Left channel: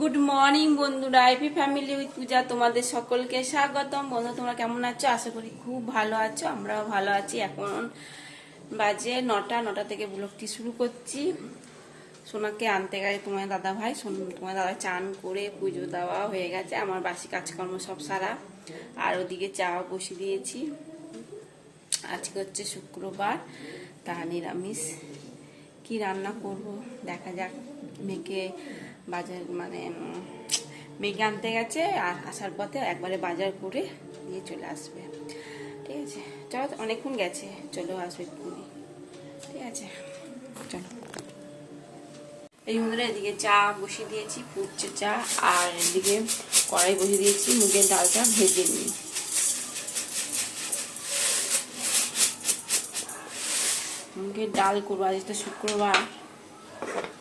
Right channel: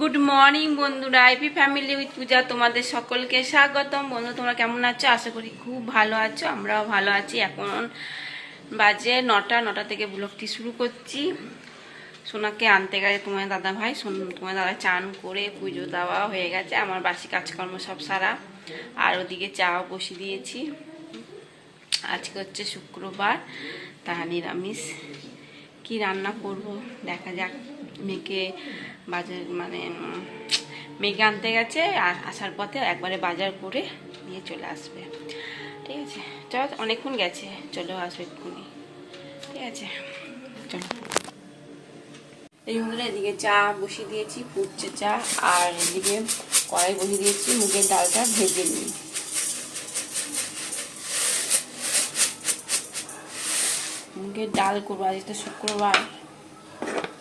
Good morning বন্ধুরা, IP family with পূজা তোমাদের সকলকে স্বাগতম। বন্ধু, তোমরা কেমন আছো? আশা করি খুব ভালো আছো, আমরাও ভালো আছি। এখন বাজে 9টা থেকে ব্লগটি শুরু করছি। সোনাকে আনতে গেছে তোমার দাদা ভাই। তোমার দাদা চান করে পুজো দেওয়া হয়ে গেছে, আমার বাসি কাজকর্ম সব সারা। আর ওদিকে চা বসিয়ে দিয়েছি। আজকে হচ্ছে শুক্রবার, তা নিরামিষ। কি রান্না করব দেখা যাক। মেয়েকে বাজার মেয়েকে আনতে গেছে, আর আসার পথে একবারে বাজার করে নিয়ে চলে আসবে। ঠিক আছে, চল, অনেকক্ষণ গেছে, চলেও আসবে এক্ষুনি। ঠিক আছে, চলো। এই বন্ধুরা, এদিকে চা বসিয়ে দিয়েছি, ফুটছে চা। আর এদিকে কড়াই বসিয়ে দিয়েছি, মুগের ডালটা ভেজে নিই। মুগের ডাল করবো, আজ তো শুক্রবার,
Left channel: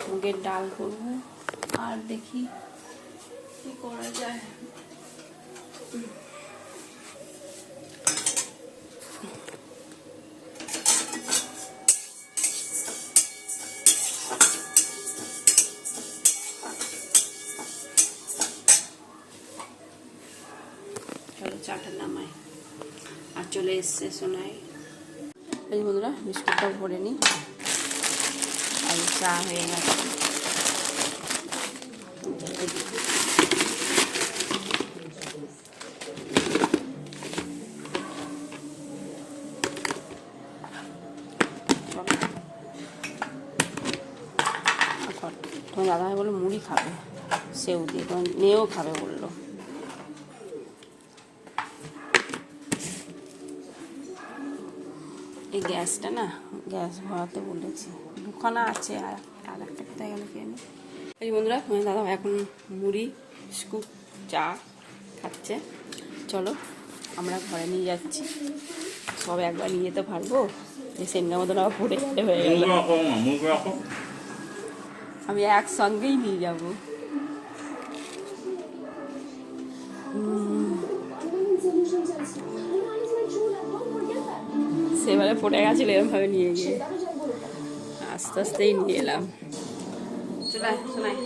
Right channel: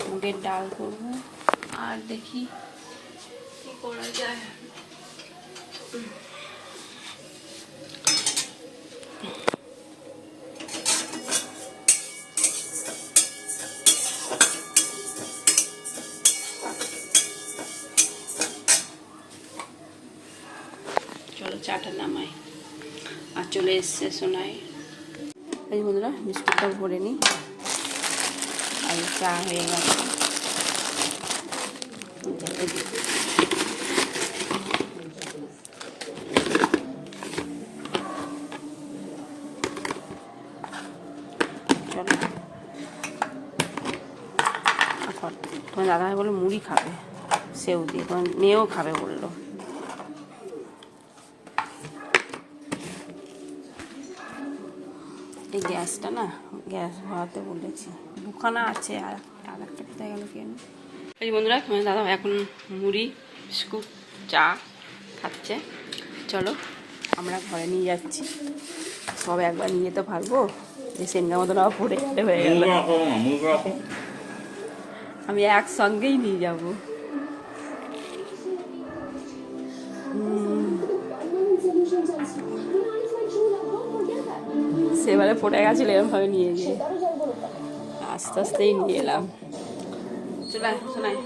মুগের ডাল করবো। আর দেখি কি করা যায়। চলো চাটা নামাই। আর চলে এসছে সোনাই। এই বন্ধুরা, বিস্কুটটাও ভরে নিই। আর চা হয়ে গেছে। তোমার দাদাভাই বললো মুড়ি খাবে, সেও দিয়ে, তোমার মেয়েও খাবে বললো। এই গ্যাসটা না, গ্যাস ভরাতে বলেছি, দুখানা আছে। আর একটা কোথায় গেল কে জানে। এই বন্ধুরা, তোমার দাদা এখন মুড়ি বিস্কুট চা খাচ্ছে। চলো আমরা ঘরে নিয়ে যাচ্ছি। সব একবার নিয়ে যেতে পারবো? যে সেনগা মতন আবার পড়ে গেলে হয়ে গেল। আমি একসঙ্গেই নিয়ে যাবো। সেবারে পড়ে গেছিল, এরমভাবে নিয়ে গিয়ে আস্তে আস্তেই নিয়ে এলাম। চলাই শোনাই।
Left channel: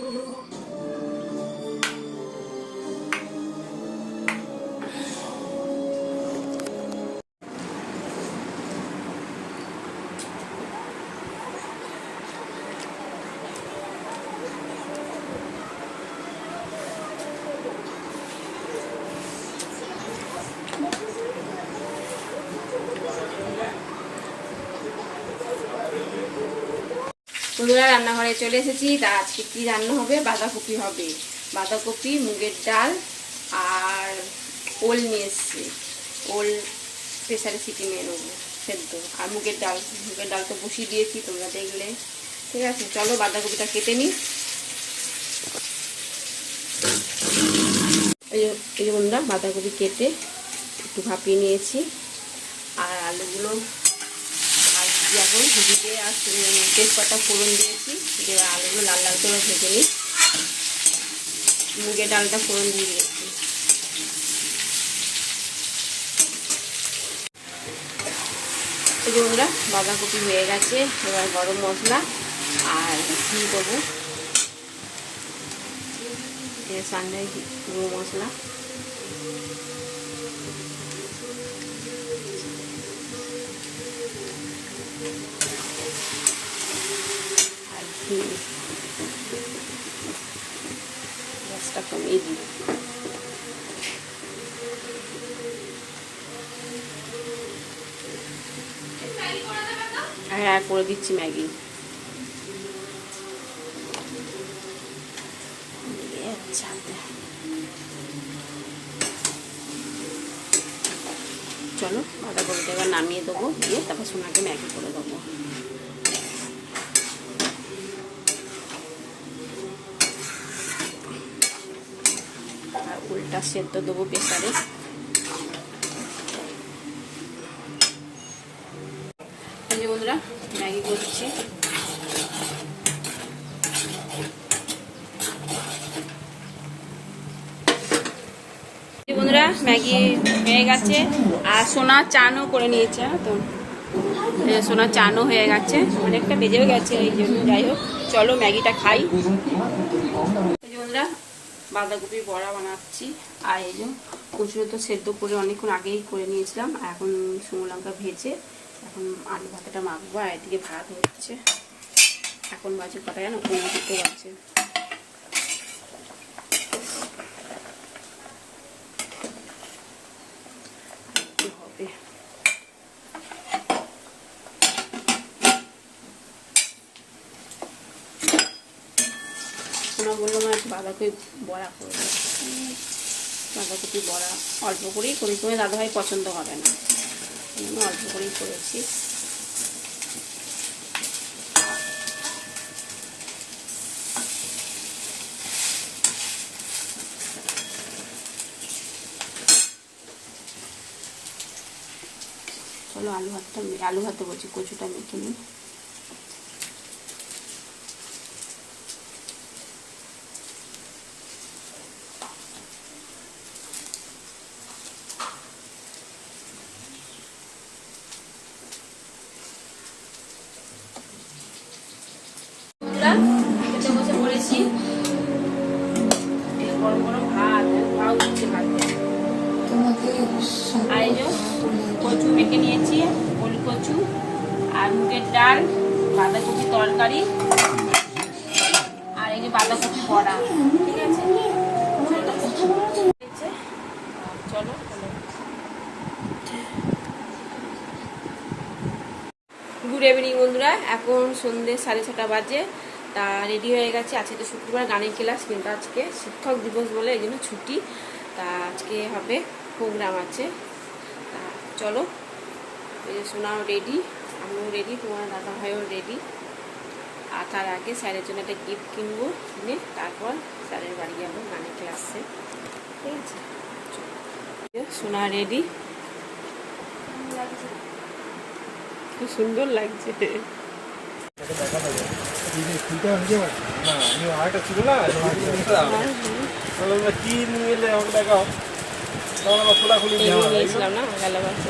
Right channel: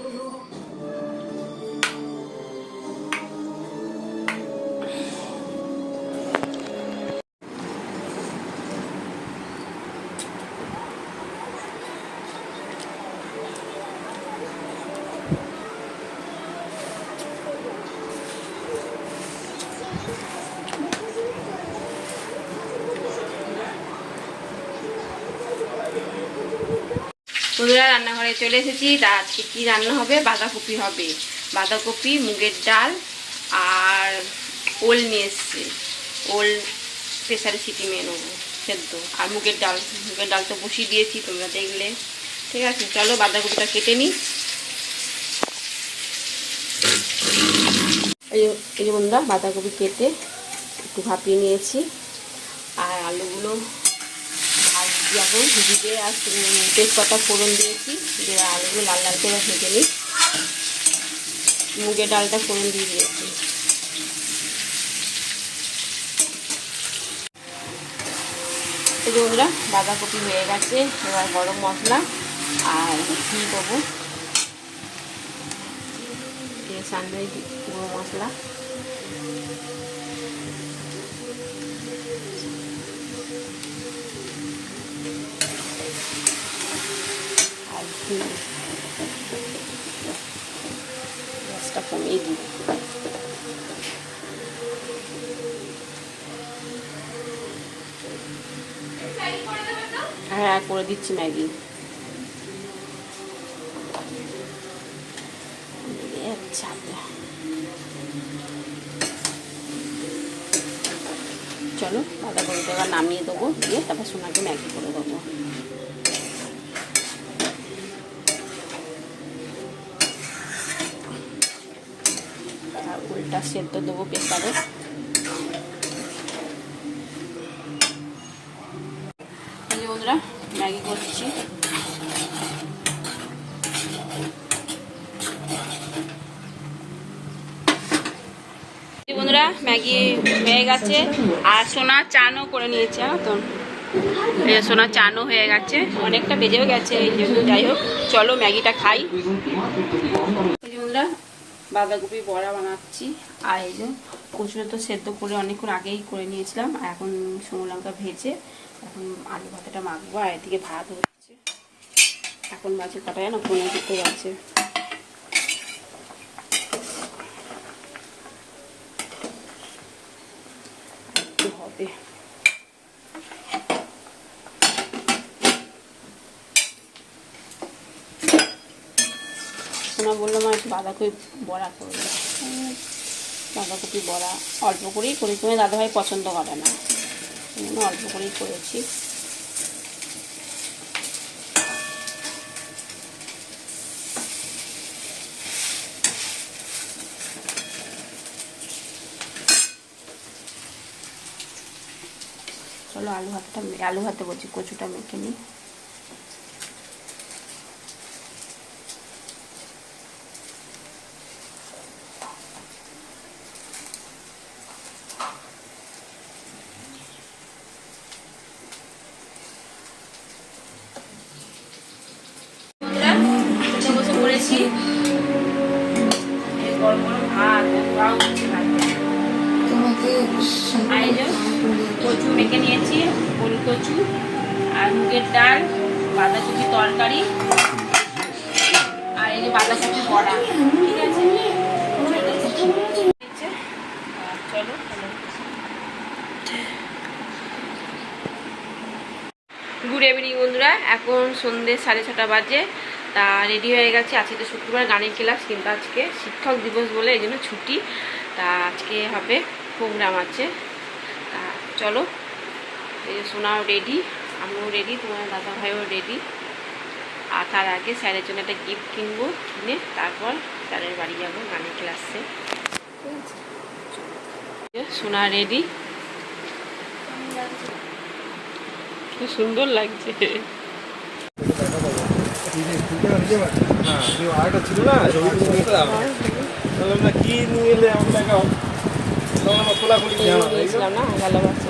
বন্ধুরা, রান্নাঘরে চলে এসেছি। তা আজকে কি রান্না হবে? বাঁধাকপি হবে, বাঁধাকপি, মুগের ডাল আর ওল নিয়ে এসছে। ওল প্রেসারে সিটি মেয়ে নেবো সেদ্ধ। আর মুগের ডাল তো বসিয়ে দিয়েছি, তোমরা দেখলে। ঠিক আছে, চলো বাঁধাকপিটা কেটে নিই। এই যে বন্ধুরা, বাঁধাকপি কেটে একটু ভাপিয়ে নিয়েছি। আর আলুগুলো এখন ভিজে আর তেজপাতা ফোড়ন দিয়েছি, দিয়ে আলুগুলো লাল লাল করে ভেজে নিই। মুগের ডালটা ফোড়ন দিয়ে দিয়েছি। এই যে বন্ধুরা, বাঁধাকপি হয়ে গেছে। এবার গরম মশলা আর ঘি দেবো, এর সঙ্গে গুঁড়ো মশলা। গ্যাসটা কমিয়ে দিই। হ্যাঁ, করে দিচ্ছি ম্যাগি। চলো বাঁধাকপিটা এবার নামিয়ে দেবো, দিয়ে তারপর সোনাকে ম্যাগি করে দেবো। আর উল্টা সেদ্ধ দেবো প্রেসারে। বন্ধুরা, ম্যাগি করছি। বন্ধুরা, ম্যাগি হয়ে গেছে। আর সোনা চানও করে নিয়েছে। তো সোনা চানও হয়ে গেছে, অনেকটা বেজেও গেছে। এই জন্য যাই হোক, চলো ম্যাগিটা খাই। বন্ধুরা, বাঁধাকপি বড়া বানাচ্ছি। আর এই যে কচুটা তো সেদ্ধ করে অনেকক্ষণ আগেই করে নিয়েছিলাম, এখন শুকনো লঙ্কা ভেজে এখন আলু ভাতাটা মাখবো। আর এদিকে ভাত হচ্ছে, এখন বাজে কটা জানো, 15 বাজে। হবে শোনা বললো মা একটু বাঁধাকপি বড়া করবে। বাঁধাকপি বড়া অল্প করেই করি, তুমি দাদাভাই পছন্দ করে না, অল্প করেই করেছি। চলো আলু ভাতে বলছি, কচুটা মেখে নিই। বসে পড়েছি, গরম গরম ভাত উঠছে ভাইতে। কচু মেখে নিয়েছি, ওল কচু আর মুগের ডাল, বাঁধাকপি তরকারি আর এই যে বাঁধাকপি বড়া। ঠিক আছে, চলো। গুড ইভিনিং বন্ধুরা, এখন সন্ধ্যে 6:30 বাজে। তা রেডি হয়ে গেছে। আজকে তো শুক্রবার গানের ক্লাস, কিন্তু আজকে শিক্ষক দিবস বলে এই জন্য ছুটি। তা আজকে হবে প্রোগ্রাম আছে। তা চলো, এই যে সোনাও রেডি, আমিও রেডি, তোমার দাদা ভাইও রেডি। আর তার আগে স্যারের জন্য একটা গিফট কিনবো, কিনে তারপর স্যারের বাড়ি যাবো গানের ক্লাসে। ঠিক আছে, সোনা রেডি, কি সুন্দর লাগছে। কি নিয়ে এলে আপনাকে নিয়েছিলাম না, ভালো লাগছে।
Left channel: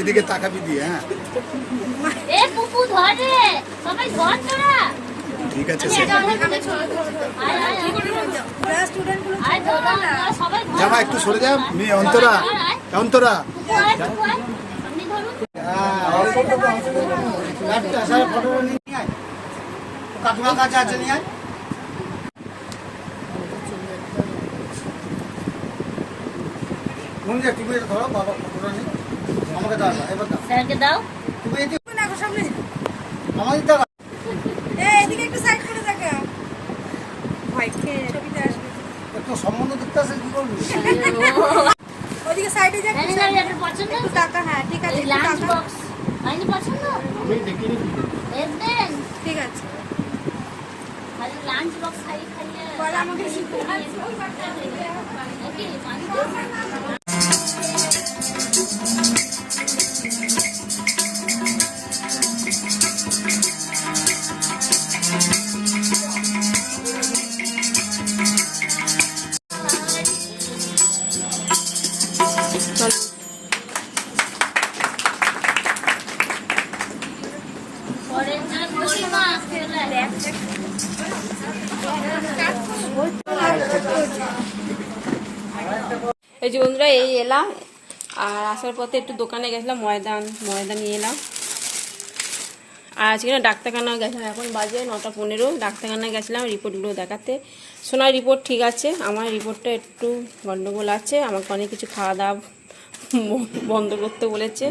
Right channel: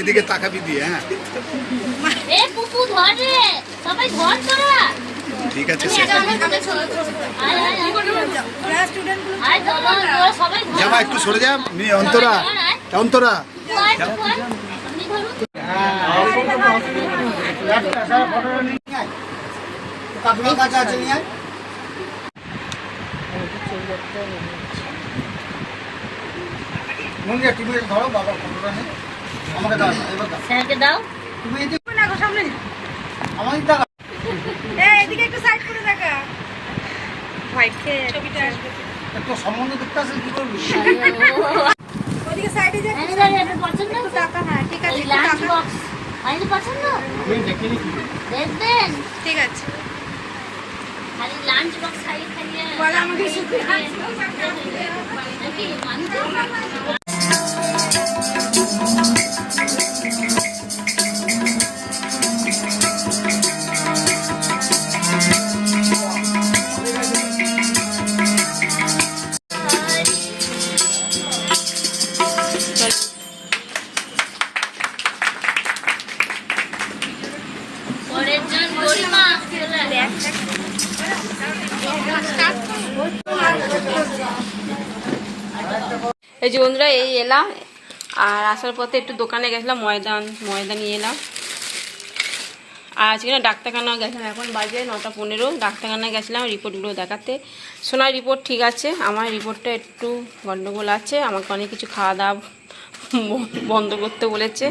এদিকে তাকাবি দিয়ে। হ্যাঁ ঠিক আছে, যাবা একটু সরে যা। অন্তরা অন্তরা কাকিমার কাছে আছে, নিয়ে আয়। তুমি ধরো বাবা ফটোটা নিয়ে আমাকে দাও, স্যারকে দাও। তুমি এদিকে না, সামনে আমাদের দাও। এদিকে একটু সাইড করে দেখা, ভাইকে ছবিটা আসবে। একটু সম্বন্ধ দেখতে আসে, কি করবি? ওদিকে সাইডে যা, একটু পছন্দ টাকা। হ্যাঁ ঠিক আছে, লাঞ্চ বক্স আইনি পছন্দ, আমি দেখিনি কি দেখবেন। ঠিক আছে, খালি লাঞ্চ বক্স খাইয়ে বল আমাকে শিখে দেখি মানি। এই যে বন্ধুরা, এই এলাম। আর আসার পথে একটু দোকানে গেছিলাম, ময়দা নিয়ে এলাম। আর আজকে না ডাক্তারখানাও গেছিলাম, এখন বাজে 9:15। ডাক্তারখানায় গেছিলাম রিপোর্টগুলো দেখাতে। সোনার রিপোর্ট ঠিক আছে, আমার রিপোর্টটা একটু গন্ডগোল আছে। আমাকে অনেক কিছু খাওয়া দাওয়া বন্ধ করতে বলেছে,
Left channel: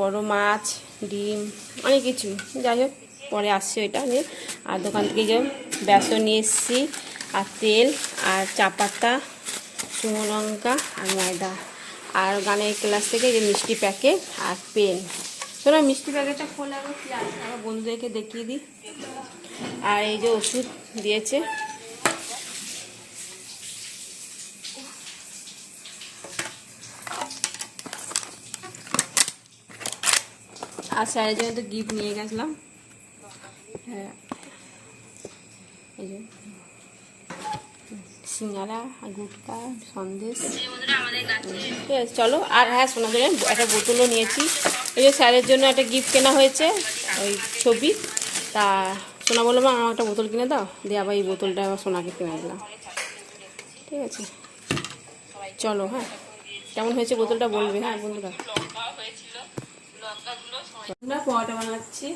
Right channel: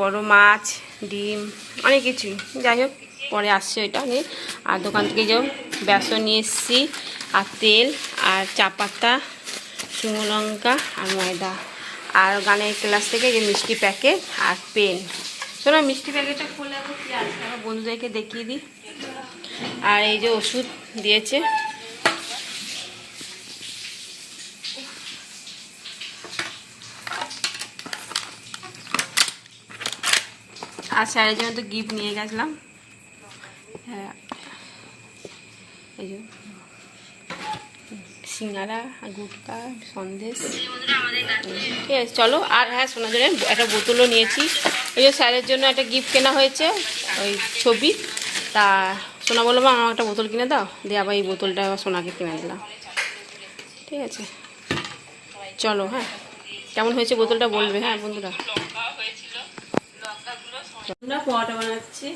বড় মাছ, ডিম, অনেক কিছুই। যাই হোক, পরে আসছে এটা নিয়ে। আর দোকান থেকে যাও বেসন নিয়ে এসেছি, আর তেল, আর চা পাতা, শুকনো লঙ্কা, আর ময়দা। আর গানের ক্লাস থেকে যে মিষ্টি প্যাকেট আর পেন। শোনো, মিষ্টি প্যাকেটটা খোলা কি আছে আমার বন্ধুদেরকে দেখিয়ে দিই। আর এই যে ওষুধ দিয়েছে, আর স্যারের জন্য তো গিফট নিয়ে গেছিলাম। হ্যাঁ, এই যে সিঙ্গারা আর গুটকা সন্দেশ। ঠিক আছে চলো। আর হ্যাঁ শোনা জন্য একটা বোতলও নিয়েছি, এই যে স্যারের জন্য একটা গিফট কেনা হয়েছে ওই ছবি, তা সোনা বলবো আমার একটা বোতল কিনে দাও, দিয়ে আবার এই বোতলটা আবার সোনাকে কিনে দিলাম। ঠিক আছে চলো। হ্যাঁ কেমন হয়েছে বোতলটা বলবে হ্যাঁ বন্ধুরা। আমরা পরোটা বানাচ্ছি।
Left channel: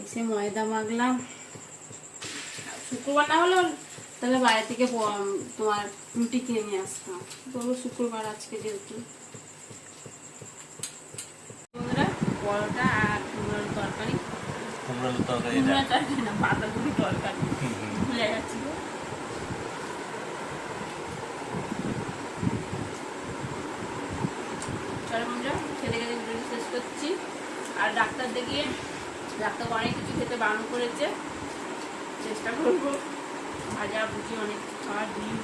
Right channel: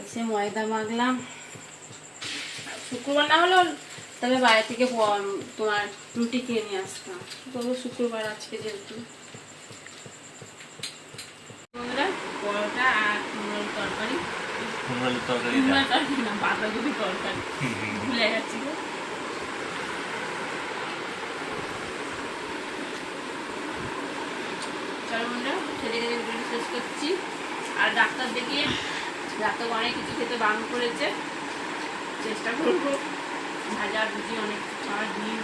এসে ময়দা মাখলাম, শুক্রবার না হলেও তাহলে বাইরে থেকে তোমার রুটি কিনে নিয়ে আসতাম, তবু শুক্রবার আজকে যেহেতু। পরোটা আর কুমড়োর তরকারি, কুমড়োর তরকারি না বাঁধাকপি তরকারি, ভুলে যাচ্ছি। চলো বন্ধুরা ছেলেকে ভিডিও শেষ করছি। আর ডাক্তার দেখিয়ে ডাক্তার অনেক কিছু খেতে বারণ করেছে, চেষ্টা করবো ভাজা ভুজি অনেক কিছু খাওয়ার, ডিম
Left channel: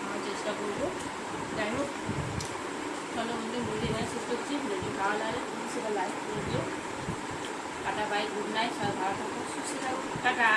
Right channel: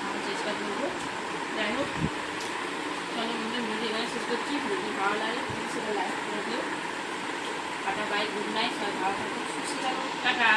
খাওয়ার চেষ্টা করবো। যাই হোক চলো বন্ধুরা ভিডিও এখানে শেষ করছি। যদি ভালো লাগে সেটা লাইক করে দিও। টাটা বাই, গুড নাইট, সবাই ভালো থাকো, সুস্থ থাকো, টাটা।